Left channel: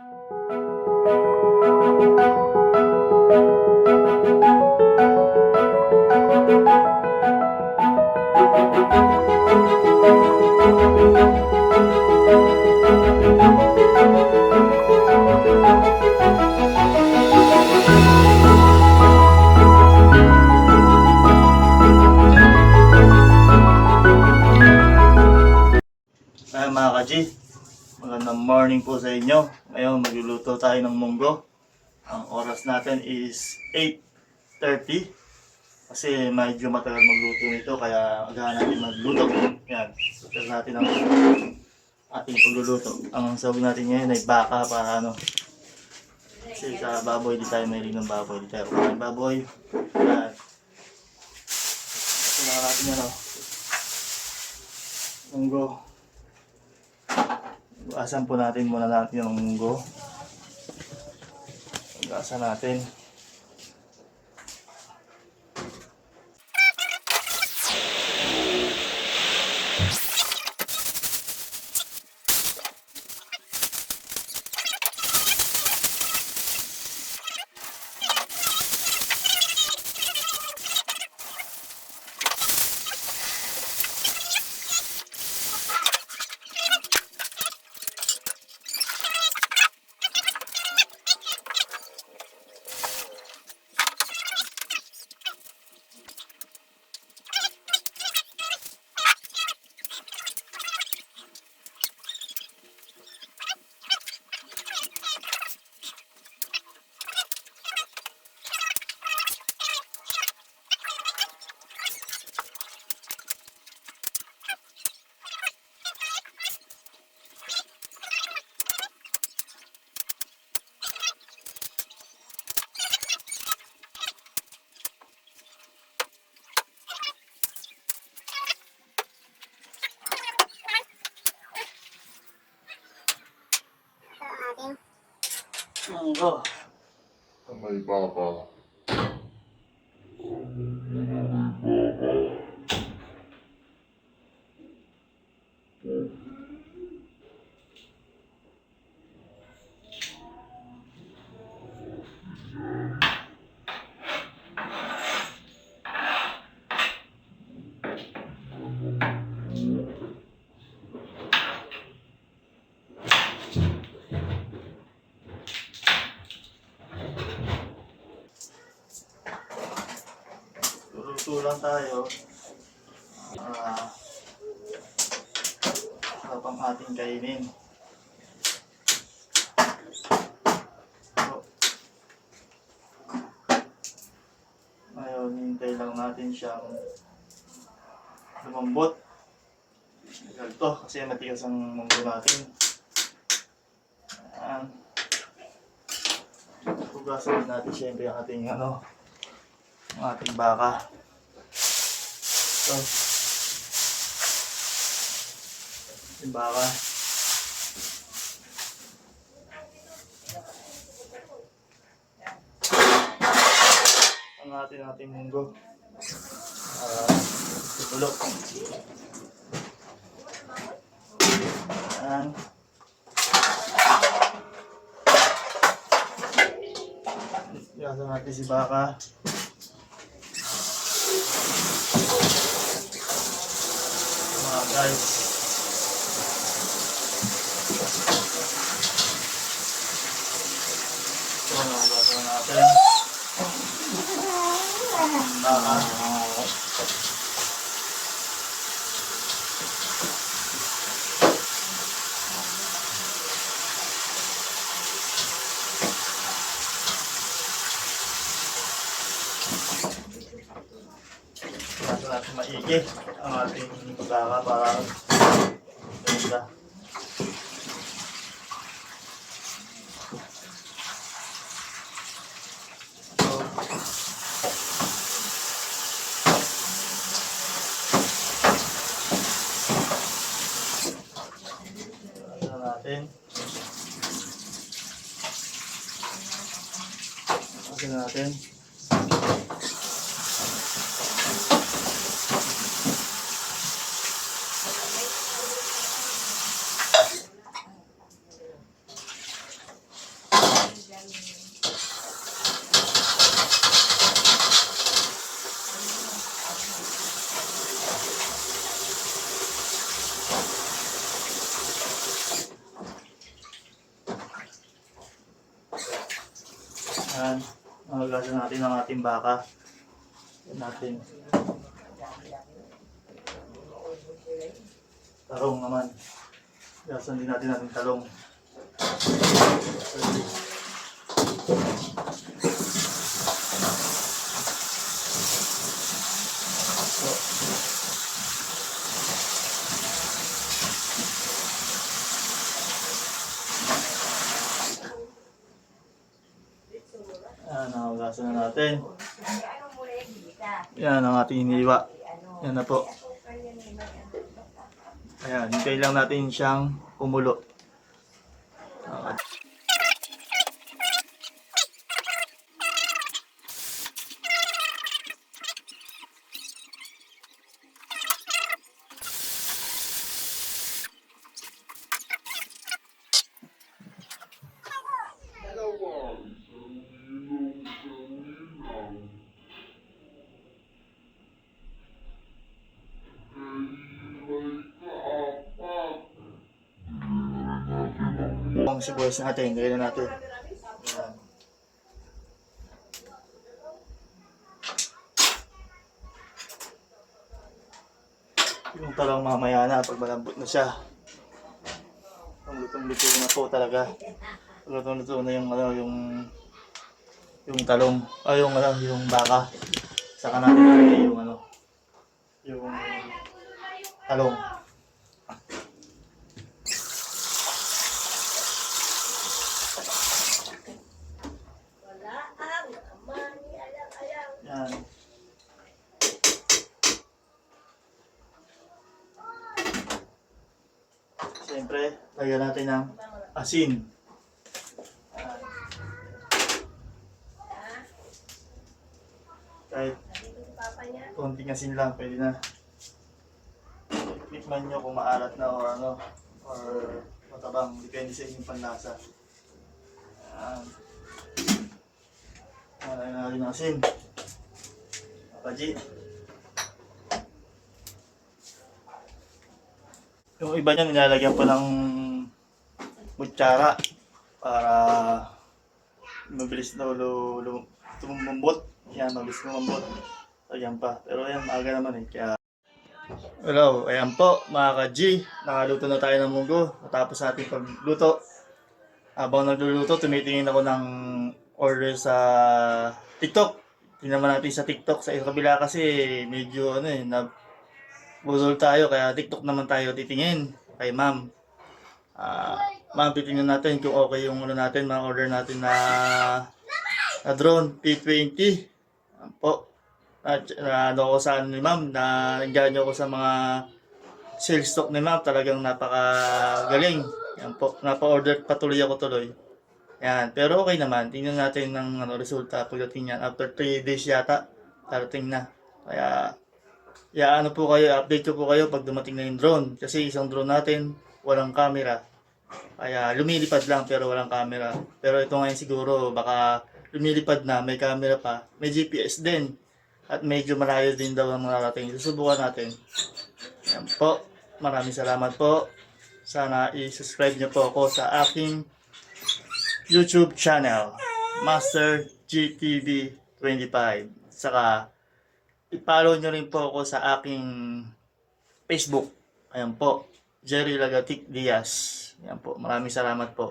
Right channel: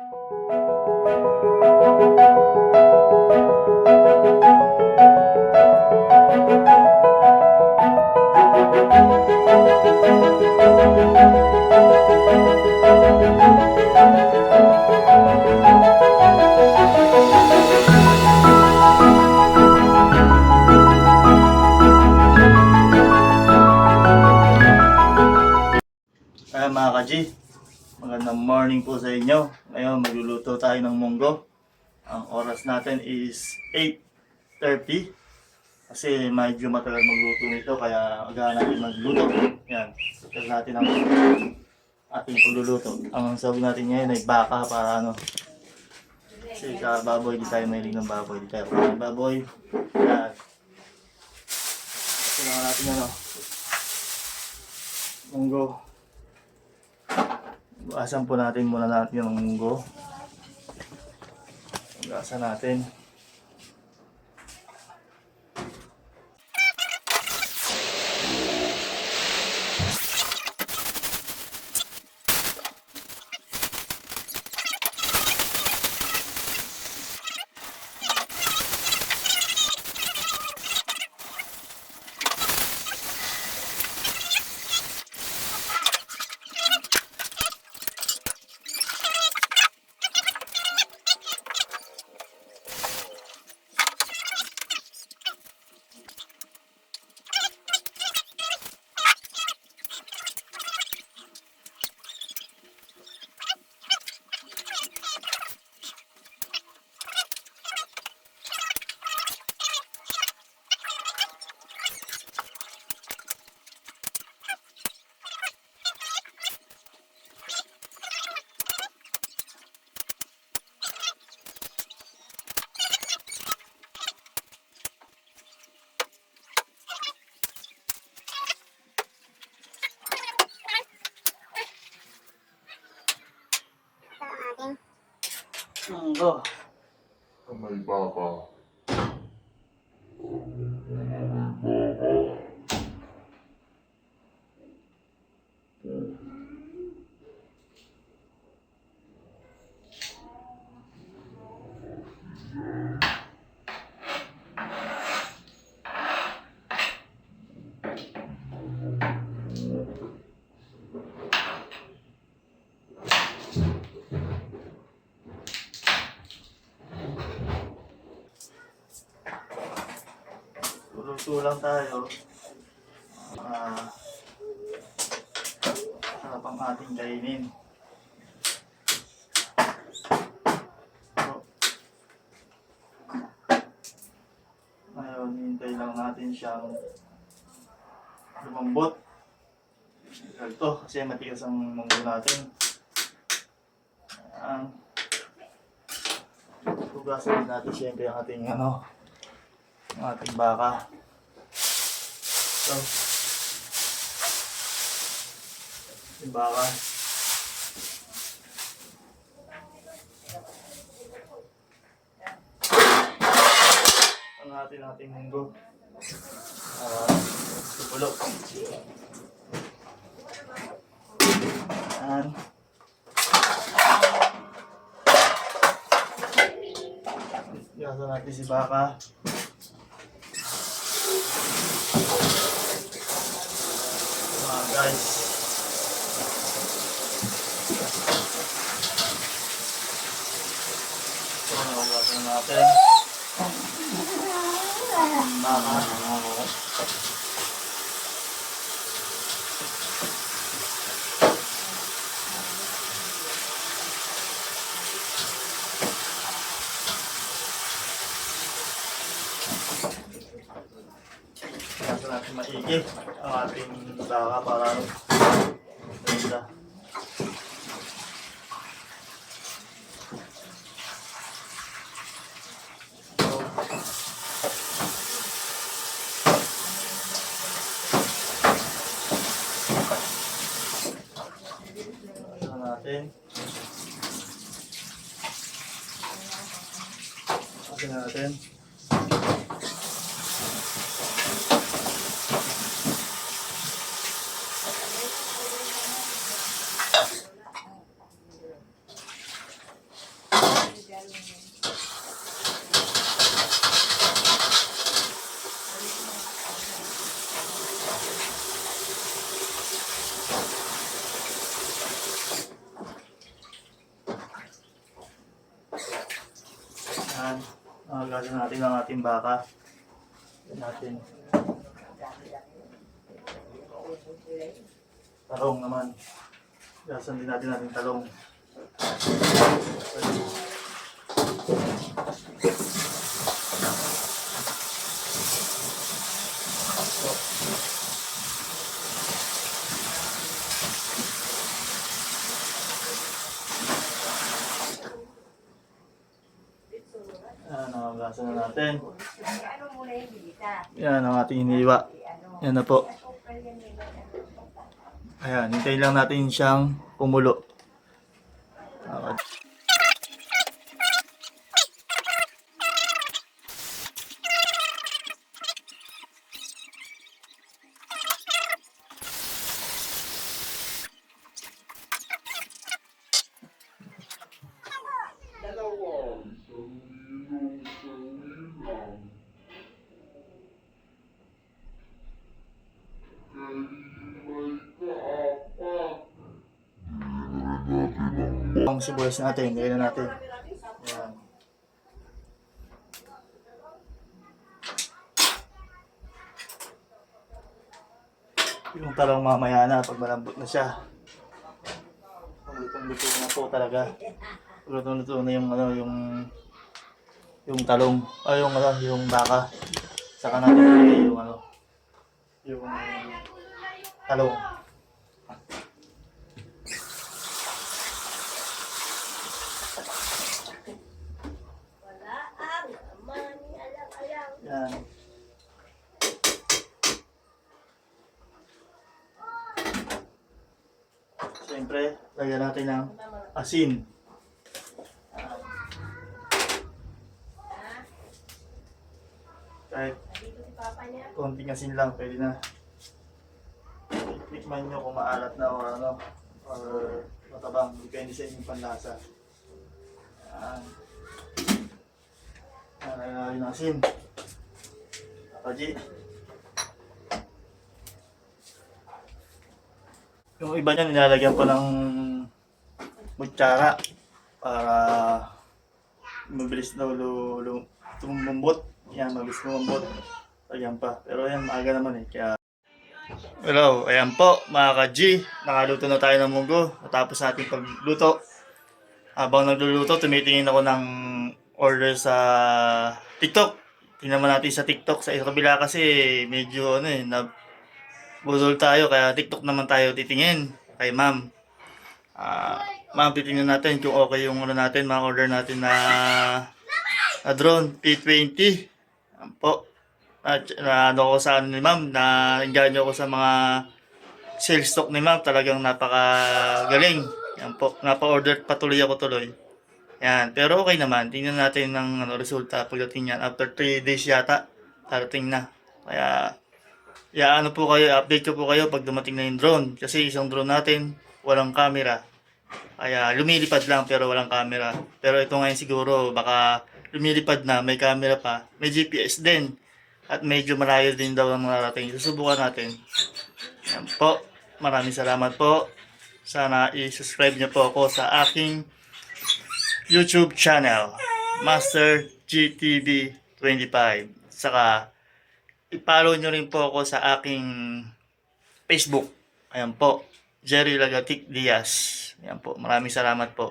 Mga ka-G, magandang morning po sa inyo. Ngayon magluluto tayo ng munggo. Ang oras natin is 8:30 kasi medyo matagal magluto nito kaya agahan natin magluto. Yan, start natin ang ating pagluluto. Ang sawag natin ngayon ay baka para kasi sa baboy di tayo mahilig ng baboy, di tayo kakain baboy. Yan. Ito na natin yan munggo. Asan po natin muna natin yung munggo. Asan natin. Munggo. May baba. Luto lang tayo. Sarap ang ating kainin. So, ngayon, hintay lang natin siyang lumambot. Ito, kasi matigas ang munggo natin. Ayan. Hugasan natin siyempre ang ating ang ating baka. So, ating baka. Ang ating munggo. Tupulok. Ayan. Gasa natin si baka. Guys, ito nahugasan natin baka. Gasa natin maigi ang ating baka para ganda. Natin. Hugasan natin ang ating baka. Yan natin. Talong naman. Hugasan din natin ating talong. Yan, hugasan na natin. Yan ang ating hiniwa. Yan na po. Ayan, hintayin lang natin siyang kumulo. Okay. Ang sibuyas natin, gawin na natin. Ayan. Yung talong mamaya na pag malambot na siya. Pag lutong-luto na po talaga. Pag lutong-luto na yung yung talong, yung baka. Saka natin ilagay yung yung talong. Yan. Siyempre, lagyan natin ng asin. Kahit konting asin lang, pwede na. Tikman nyo kung maalat na or matabang. Depende sa inyong panlasa. Yan. Lagyan natin ng asin. Kaji. Yung iba niya nilalagyan pa ng kutsara para mabilis na tumumbot. Yan, mabilis lumambot. Lagyan pa. Pero yan, maaga naman eh. Kaya... Hello, ayan po mga ka-G. Nakaluto na tayo ng munggo. Natapos ating pagluto. Habang nagluluto, tumitingin ako ng order sa TikTok. Tingnan natin sa TikTok. Sa kabila kasi medyo budol tayo. Kaya TikTok naman tayo titingin kay ma'am. Ma'am, titingnan natin kung okay yung natin, mga order natin na drone P20. Yan po. Ko sa ni ma'am, na-enjoy ko sa mga sales stock ni ma'am. Talagang napakagaling. Yan po. Napa-order patuloy ako tuloy. Yan, pero okay naman. Tingnan natin ng resulta pagdating yan. After 3 days yata, darating na. Kaya, po kayo, update ko po kayo pag dumating na yung drone. Kasi isang drone natin, walang camera. Kaya, lumilipad lang pero walang camera. Pero ito ngayon siguro, baka lumilipad na, may camera pa. May GPS din. At medyo malayo din daw ang narating. Susubukan natin. Yan po. Maraming salamat po. Sana i-subscribe niyo po ako sa aking YouTube channel, Master GTV 25. Saka, i-follow nyo rin po ako sa aking Facebook. Ayan po, Jerry Lagatik Diaz. Ayan po, maraming salamat po.